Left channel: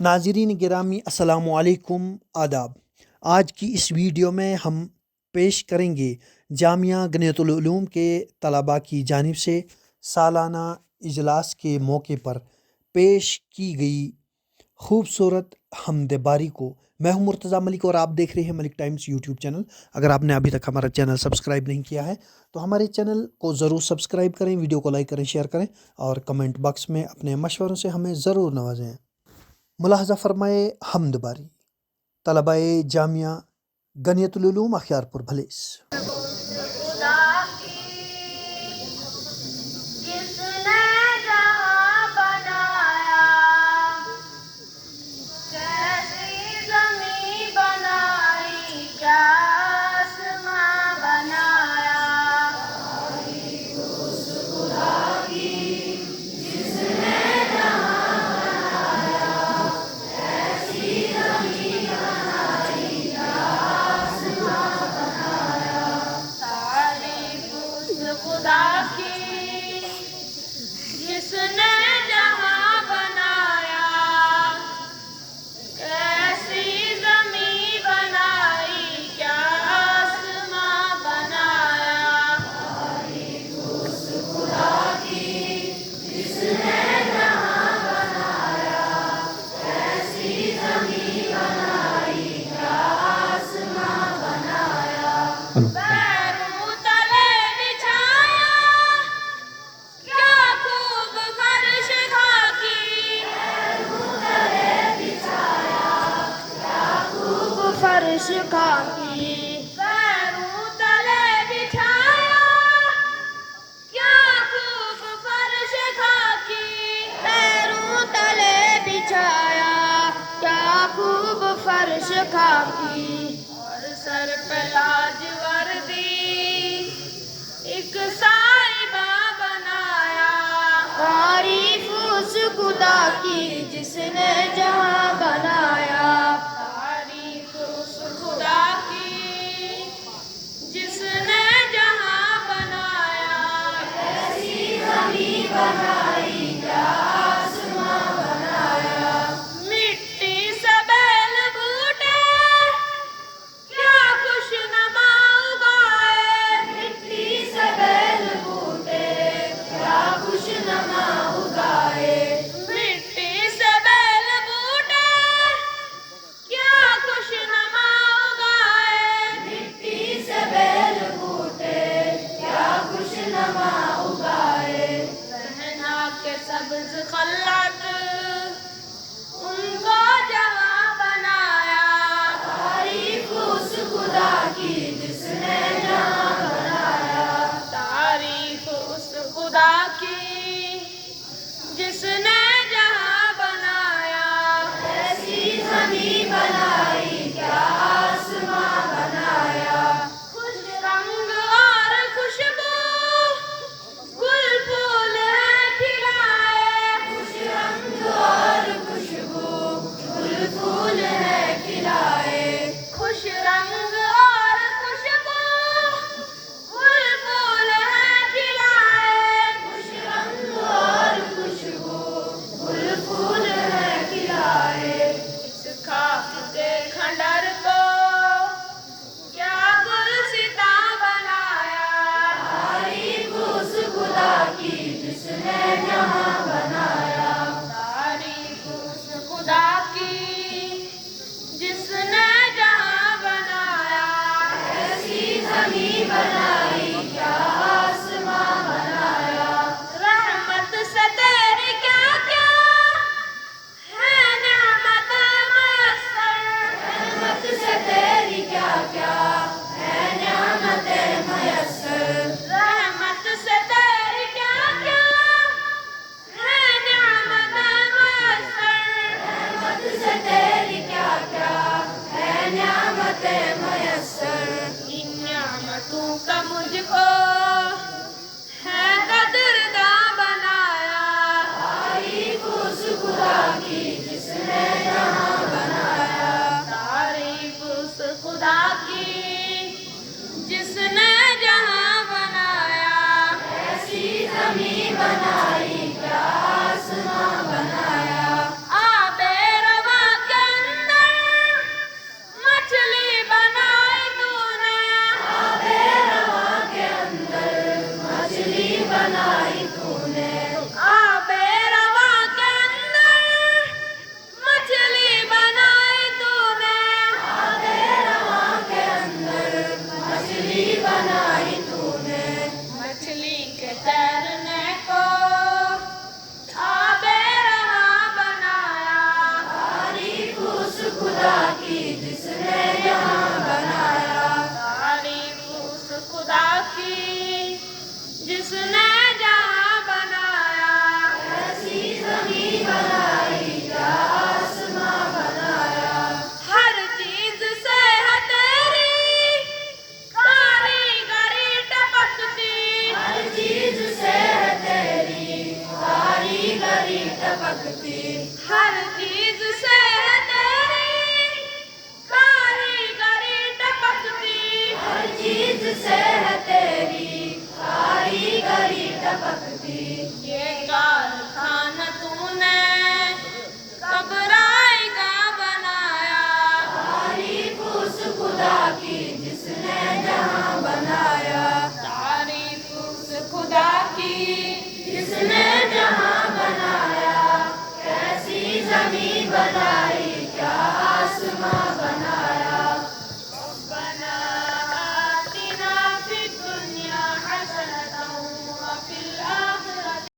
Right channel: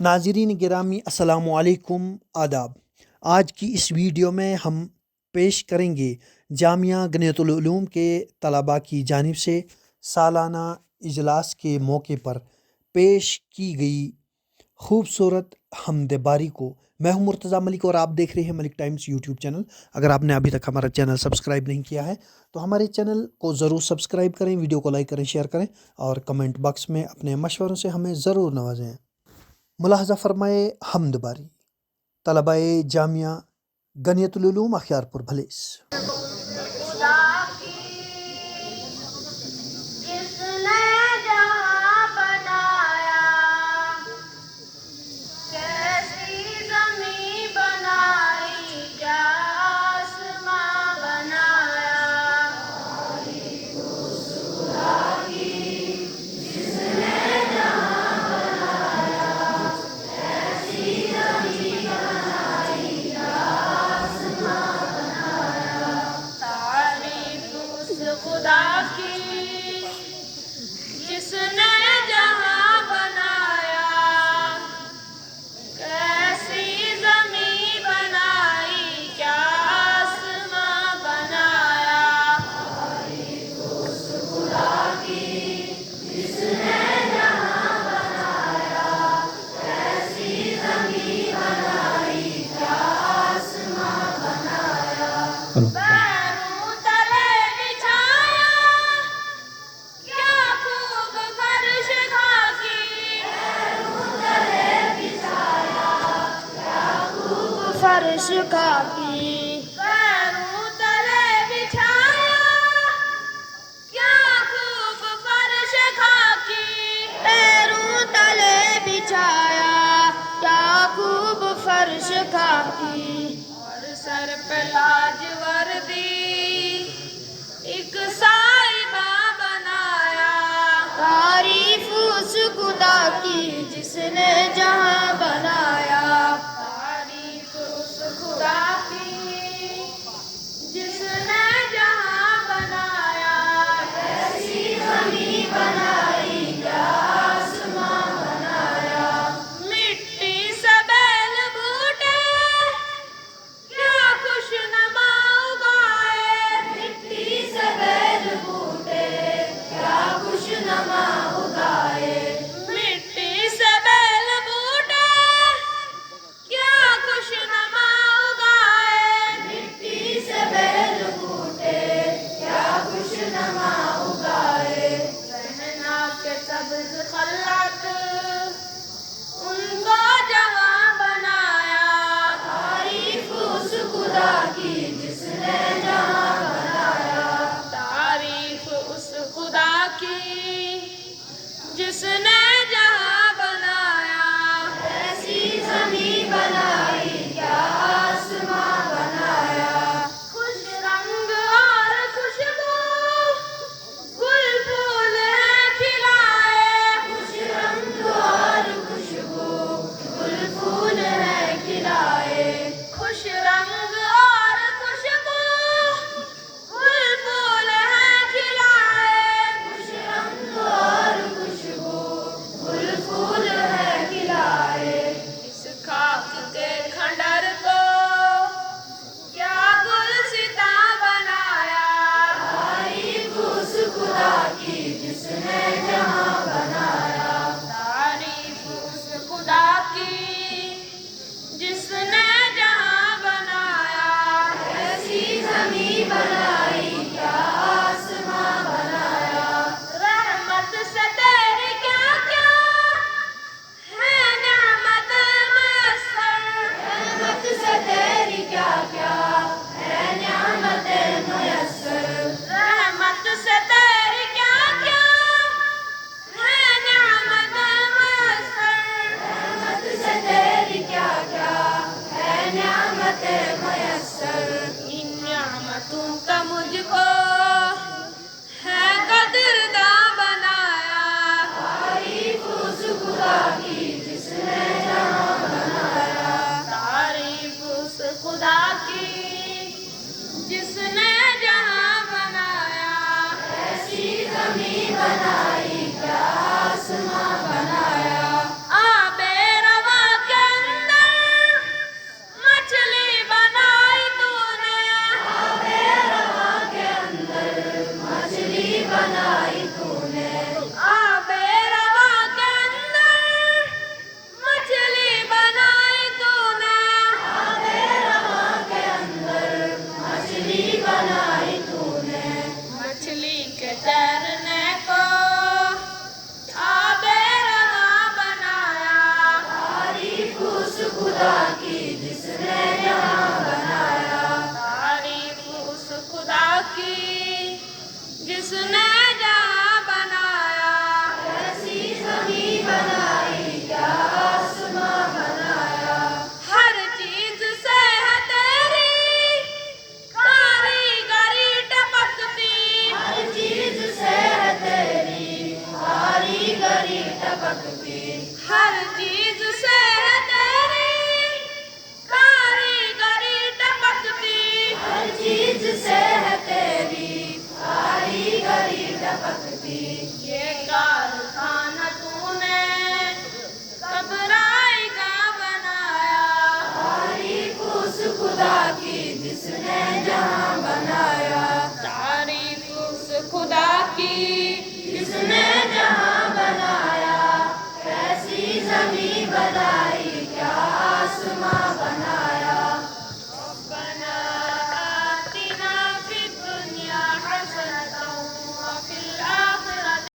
नाज़रीन गिरामी अस्सलामु अलैकुम आदाब। आज की इस वीडियो में हम पेश करेंगे जामिया गनियतुल उलूम के तलबा की जानिब से सालाना इजलास के मौके पर पेश की गई खूबसूरत हमद बारी को। मैं हूं मुर्तज़ा मलिक और आप देख रहे हैं मलिक टाइम्स यूट्यूब चैनल। अगर आपने अभी तक हमारा चैनल सब्सक्राइब नहीं किया है तो हमारे चैनल को ज़रूर सब्सक्राइब करें, वीडियो को लाइक करें, शेयर करें और कमेंट बॉक्स में अपने मशवरों से हमें ज़रूर नवाजें। मुलाहज़ा फरमाए हमद बारी। तलबाए जामिया गनियतुल उलूम अख्यारपुर भलेस। फर्श खाकी पैरों तले बिछाया, क्या खूब फर्श खाकी। पैरों तले बिछाया, क्या खूब फर्श खाकी। और सर पे लाज वर्दी एक साहिबा बनाया। तारीफ उस खुदा की जिसने जहां बनाया। तारीफ उस खुदा की जिसने जहां बनाया। ऐसी ज़मीं बनाई, क्या आसमां बनाया। मिट्टी से बैल बूटे क्या खुशनुमा उगाए। मिट्टी से बैल बूटे क्या खुशनुमा उगाए। मिट्टी से बैल बूटे क्या खुशनुमा उगाए। मिट्टी से बैल बूटे क्या खुशनुमा उगाए। रहना के सब्ज खल्लात उनको जहां बनाया। तारीफ उस खुदा की जिसने जहां बनाया। तारीफ उस खुदा की जिसने जहां बनाया। ऐसी ज़मीं बनाई, क्या आसमां बनाया। खुश रंग और खुशबू गुल फूल है खिलाए। खुश रंग और खुशबू गुल फूल है खिलाए। खुश रंग और खुशबू गुल फूल है खिलाए। खुश रंग और खुशबू गुल फूल है खिलाए। इस खाक के खंडर को क्या गुलसिता बनाया। तारीफ उस खुदा की जिसने जहां बनाया। तारीफ उस खुदा की जिसने जहां बनाया। ऐसी ज़मीं बनाई, क्या आसमां बनाया। रहमत से तेरी क्या क्या है नेमत मयस्सर। रहमत से तेरी क्या क्या है नेमत मयस्सर। रहमत से तेरी क्या क्या है नेमत मयस्सर। रहमत से तेरी क्या क्या है नेमत मयस्सर। इन नेमतों का मुझको है कदरदां बनाया। तारीफ उस खुदा की जिसने जहां बनाया। तारीफ उस खुदा की जिसने जहां बनाया। ऐसी ज़मीं बनाई, क्या आसमां बनाया। आबे रवा जमी बनाया